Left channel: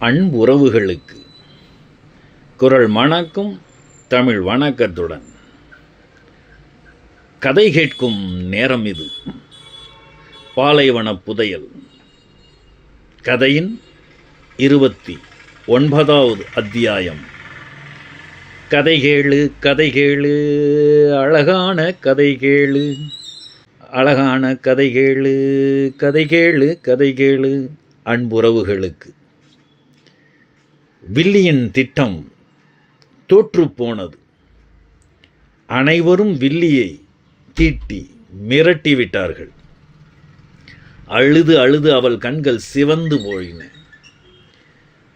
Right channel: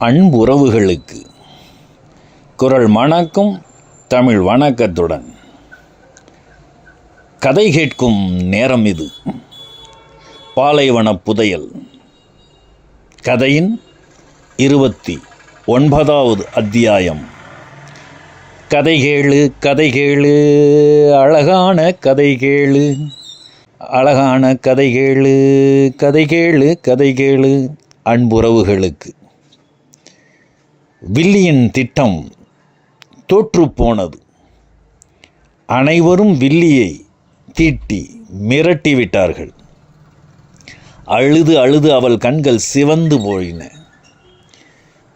அன்புறவுகளுக்கு. குரல் மணக்கும் தமிழ் வணக்கத்துடன். கதை கேட்கும் நேரம் இது. பாலைவன புதையல். கதையின் இருபத்தி ஒன்பதாவது அத்தியாயம். கதை கேளு கதை கேளு அழகான கதை கேளு. அழகான கதை கேளு கதை கேளு கதை கேளு அன்புறவுகளுக்கு. வில்லியின் திட்டம் தோற்றுப்போனது. அனைவரும் வில்லியை தீட்டி மிரட்டிவிட்டார்கள் அழுது அழுது அவள் கண்கள் சிவந்து போயின.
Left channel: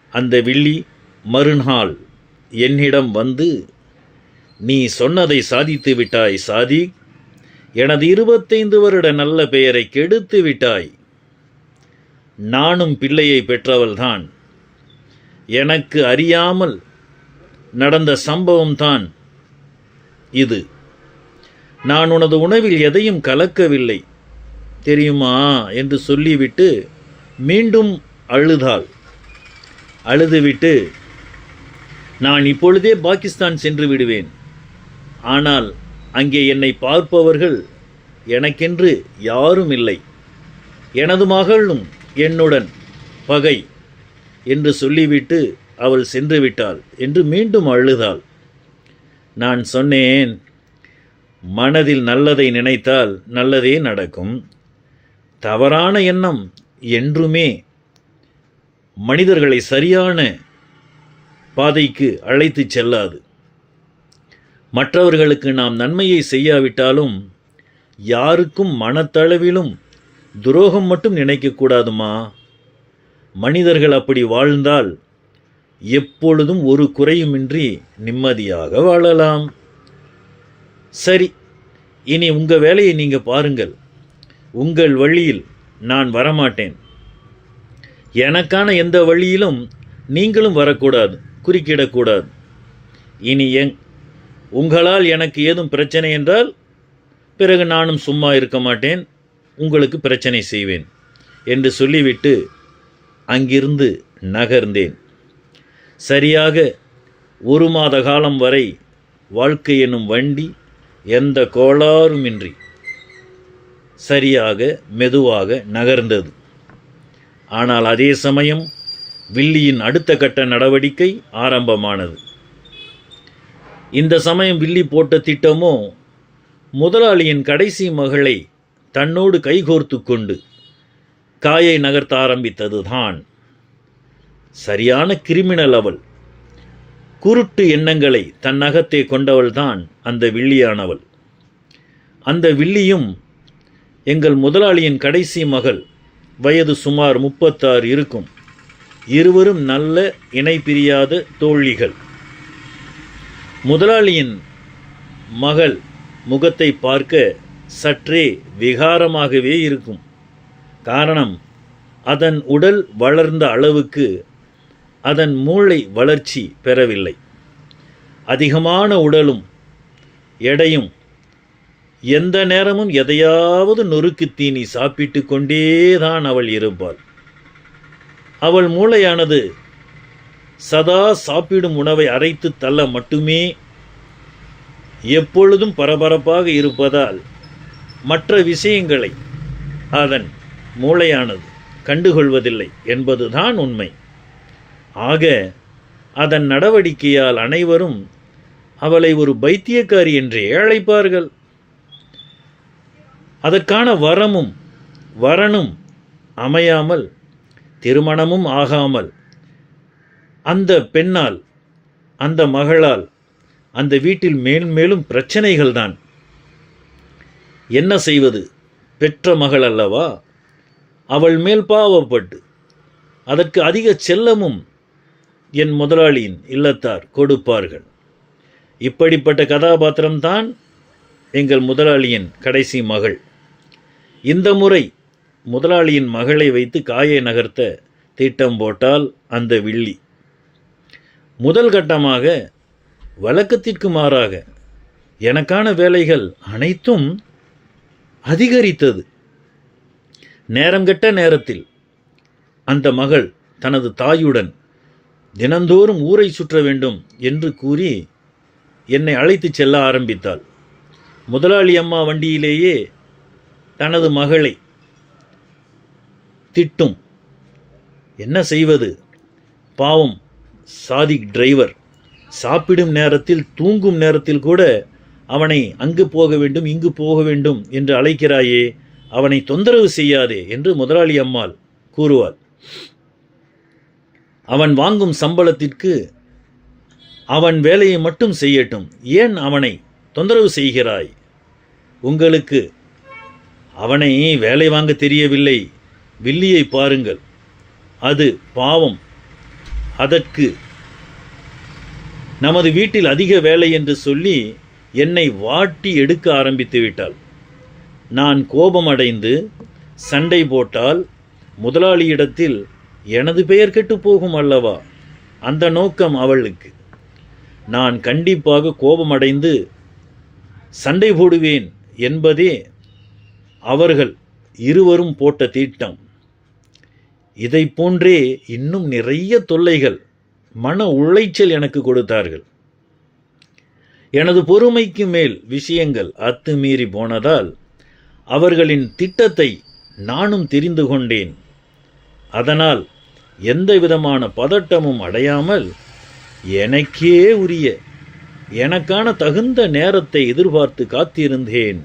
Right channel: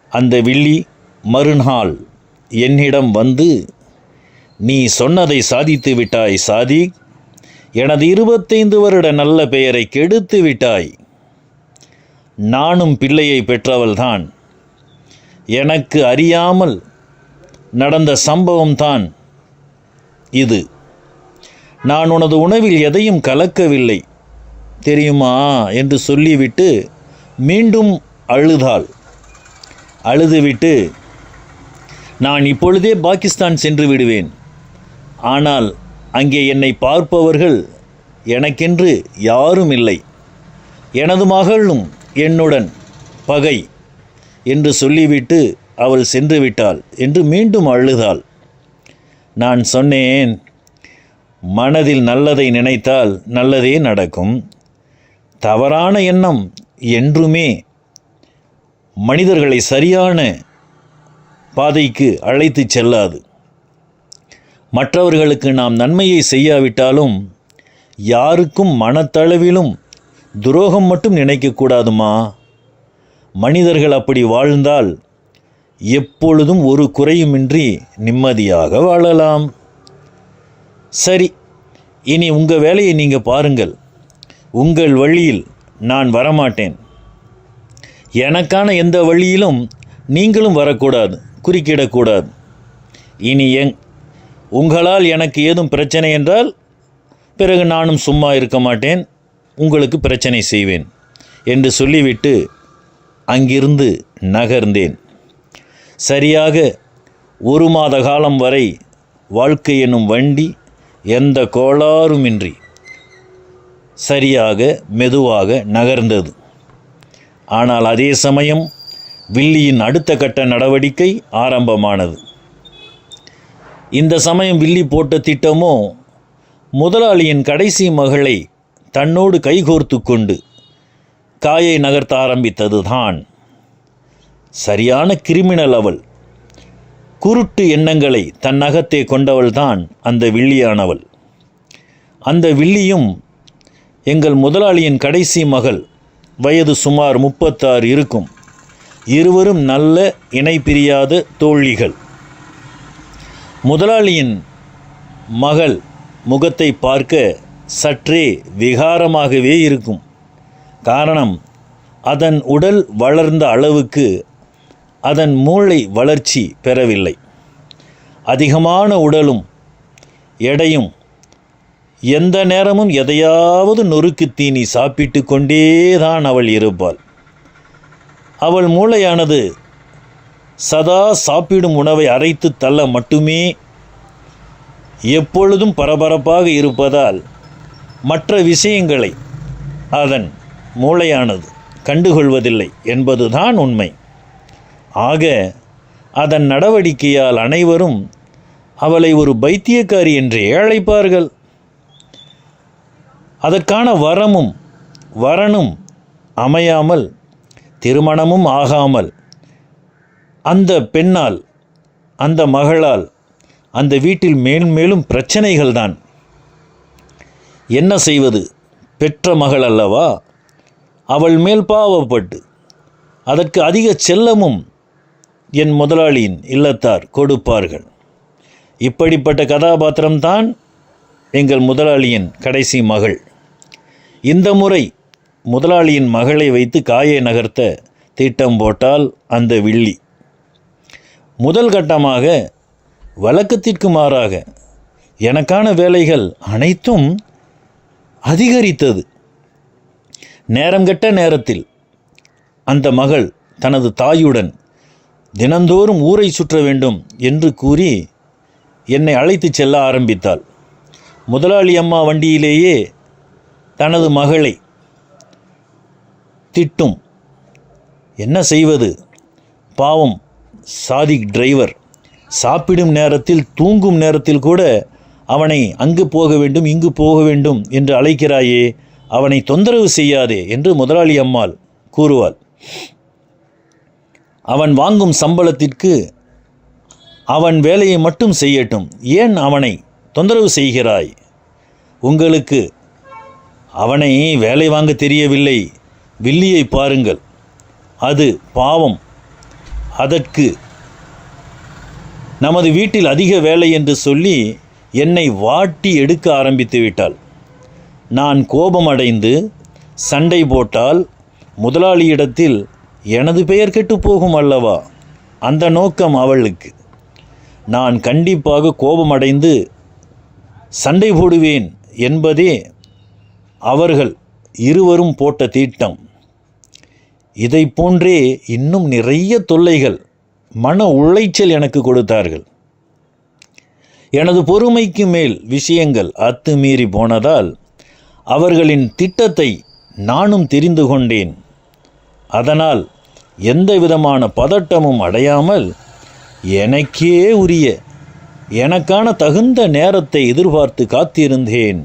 அந்த வில்லி மறுநாள் என்னிடம் வந்து நீ சொன்னதை சாதித்து விட்டாய் சாதி. எனது இருபத்தைந்து வருட நல்ல பெயரை கெடுத்து விட்டாய். நானும் பிள்ளையை பெற்றவள்தான். எனக்கு அறியாமல் நடந்த சம்பவம்தான் இது. நான் உனது உணவில் எதையும் கலக்கவில்லை தெரியுமா? என்று சொல்லிவிட்டு மீண்டும் அழுதாள். அழுதுவிட்டு நான் இப்பொழுதே பாகிஸ்தான் சென்று விடுவேன். ஆனால் அங்கே என்னை பார்ப்பவர்கள் எனக்கென்று யாரும் இல்லை. எனது மகளும் என்னுடன் பகை. என்று சொல்லிவிட்டு அவள் சென்று விட்டாள் என்று மீண்டும் அழுதாள். நான் சொன்னேன் மனதில் நல்லதை நினைத்தால் நல்லதே நடக்கும். தவறான எண்ணம் என்றுமே மனிதர்களை சரியான பாதைக்கு அழைத்துச் செல்லாது. மற்றவர்களுக்கு நாம் நன்மையை செய்யாவிட்டாலும் யாருக்கும் மனத்தளவிலும் துரோகம் மட்டும் நினைக்கக்கூடாதுமா மனிதர்கள் அப்படி வாழ்ந்தால் எப்பொழுதும் ஒரு குறையுமின்றி நிம்மதியாக வாழலாம். சரி இனி உங்கள் வேலையை நீங்கள் பாருங்கள். உங்கள் வழியில் நான் வரமாட்டேன். எனக்கான எந்த வழியிலும் நீங்களும் வரக்கூடாது குறுக்கிடக்கூடாது. இனி எங் உங்களால் எனக்கு ஏதும் பிரச்சனை என்றால் பிறகு நானும் சும்மா இருக்க மாட்டேன் உங்களுக்கு பிரச்சனை செய்வேன் என்று சொல்லிவிட்டு அங்கிருந்து நகர்ந்தேன். சரியாக ஒரு மாத காலம் வரை வாழ்க்கை எனும் வண்டி எந்த கோளாறுமின்றி சரியாக மெதுவாக நகர்ந்தது. ஆனால் அதே சமயம் வில்லியின் அடுத்த கட்ட நடவடிக்கை ஆரம்பமானது. இந்த சமயம் வில்லி போட்ட திட்டமோ முதலாளியின் கடைசி மகளை தன்னோடு கைகோர்த்து கொண்டு காயை நகர்த்த ஆரம்பித்தது தான் சரியான கிரிமினல் அவள். குருட்டு எண்ணங்களை தன் நகத்தே கொண்டவள்தான் அந்த வில்லியானவள். அந்த வில்லியும் எங்கள் முதலாளியின் கடைசி மகள் வயது சுமார் முப்பத்தாறு இருக்கும். இருவரும் நல்ல இணை பிரியாத தோழிகள். முதலாளியின் மகள் முகத்தை பார்க்க சற்றே விகாரமாகவே இருக்கும். காரணம் அதன் உடல் வளர்ந்த அளவுக்கு அதன் மூளை வளர்ச்சி பெறவில்லை. அதிகமான உடலும் எடையும் எந்த நேரமும் எதையாவது நொறுக்கு தீனி சாப்பிட்டு கொண்டேதான் அவள் இருப்பாள். அவள் மூளையானது சதா சாப்பிடும் உணவை அரைத்து தள்ள மட்டுமே எப்பொழுதும் பரபரப்பாக இருப்பதால் மற்ற விஷயங்களை அதன் மூளையானது கண்டுகொள்வதில்லை என்பதுதான் உண்மை. ஆக அதன் நடவடிக்கையால் அனைவரும் அவளை ஒரு பைத்தியக்காரி என்று ஏழைப்பார்கள் அதற்கான வரமும் வரனும் அமையாமல் திருமணமும் ஆகாமல் அந்த பெண்ணால் அந்த மகளால் அந்த வீட்டில் மேன்மேலும் பிரச்சனைகள் தான் என்ன செய்வது? பெற்ற மகள் அல்லவா? அவள் மேல் பாவப்பட்டு. அதற்கு அதிக செல்லமும் என் முதலாளியின் இல்லத்தார் கொடுப்பார்கள். இப்படிப்பட்ட கதாபாத்திரம்தான் எங்கள் முதலாளியின் கடைசி மகள். இந்த முறை முதலாளியின் மகளை வைத்து காயை நகர்த்த திட்டம் போட்டால் அந்த வில்லி. முதல் கட்டமாக வழக்கத்திற்கு மாறாக எனக்கான வேலைகள் அனைத்தும் அதிகரித்தது. நேரம் கெட்ட நேரத்தில் அந்த மகள் தனது தாயுடன் தினந்தோறும் ஊரை சுற்ற வேண்டும் என்று கூறி என்னை அழைத்துச் செல்ல ஆரம்பித்தாள். முதலாளி அம்மா வண்டியிலேயே தனது மகளை திட்டும். என்ன செய்வது? பாவம் சாதிக் டிரைவர். சாப்பிடும் நேரத்தில் தூங்கும் நேரத்தில் கூட அவனை அங்கு போக வேண்டும் இங்கு போக வேண்டும் என்று அழைக்கிறாயே அவனை தொந்தரவு செய்யாதே என்று முதலாளி அம்மாள் கூறுவாள். அவன் வாங்கும் சம்பளத்திற்கு அவன் வேலையை மட்டும் செய்யட்டும். ஏன் அவனை தொந்தரவு செய்கிறாய்? உங்களுக்கு அவனை வேலை வாங்க தெரியவில்லை. வில்லியை பாருங்கள். அது பாவம். அதற்கு நமது வீட்டில் அதிக வேலை என்று சொல்லி என்னை வாட்டி எடுக்க ஆரம்பித்து விட்டாள். நான் கோபமடைந்து சண்டை போட்டால் முதலாளியிடத்தில் எனது பெயர் கெட்டு போகும் அல்லவா? அந்த நோக்கம் அவளுக்கு. நான் கண்டிப்பாக கோபமடைந்து சண்டை போடுவேன் என்பதே அவர்கள் இருவரும் போட்ட தீட்டம். இதை போன்றே இன்னும் நிறைய தொல்லைகள் மன உளைச்சல் எனக்கு கொடுத்தார்கள். எனது பொறுமைக்கு மேல் விஷயங்கள் அத்துமீறி போனதால் அவர்களின் திட்டத்தை நானும் தெரிந்து கொண்டேன். அதனால் எந்த விதமான பதட்டமும் அடையாமல் எனக்கே உரிய எனக்கான தகுந்த நேரத்தை எதிர்பார்த்து காத்திருந்தேன்.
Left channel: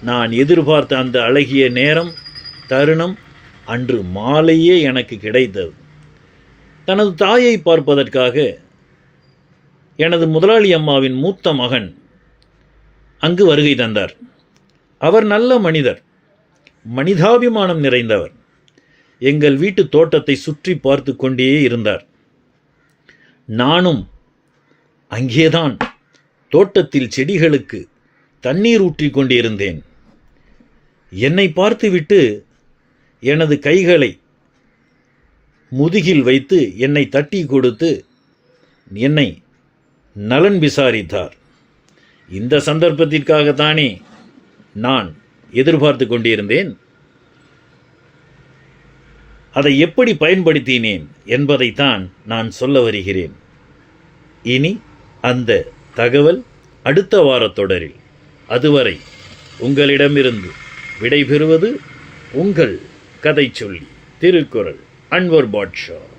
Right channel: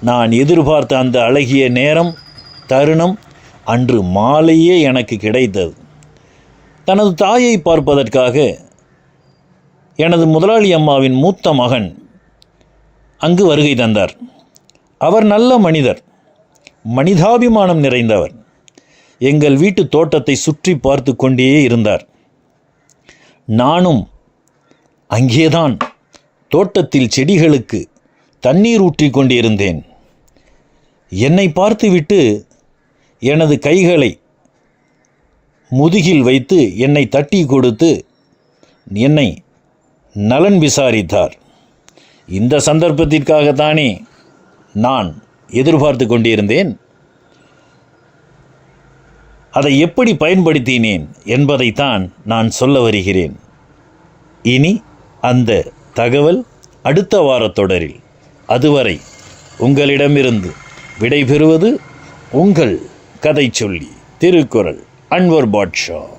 நான் எதிர்பார்த்த அந்த அழகிய நேரம் தருணம் அன்று மாலையே எனக்கு கிடைத்தது. தனது தாயை பார்ப்பதற்காக எனது முதலாளி அம்மாவின் மூத்த மகன் அங்கு வருகை தந்தார். அவர் நல்ல மனிதர். மனிதாபிமானம் நிறைந்தவர். எங்கள் வீட்டு தோட்டத்தை சுற்றி பார்த்து கொண்டே இருந்தார். நானும் அங்கேதான் தோட்டத்தில் செடிகளுக்கு தண்ணீர் ஊற்றி கொண்டிருந்தேன். என்னை பார்த்துவிட்டு எனது கைகளை முதுகில் வைத்து என்னை தட்டி கொடுத்து என்னை நலன் விசாரித்தார். இந்த சந்தர்ப்பத்திற்காகத்தானே நான் எதிர்பார்த்து கொண்டிருந்தேன். அதை எப்படி பயன்படுத்தினேன் என்பதைத்தான் நான் சொல்ல வருகிறேன். இனி அந்த தகவல் அடுத்த வாரத் தொடரில். அதுவரை உங்களிடமிருந்து விடைபெறுவது உங்கள் கதை சொல்லி திருக்குறள் அன்வர் பாட்ஷா.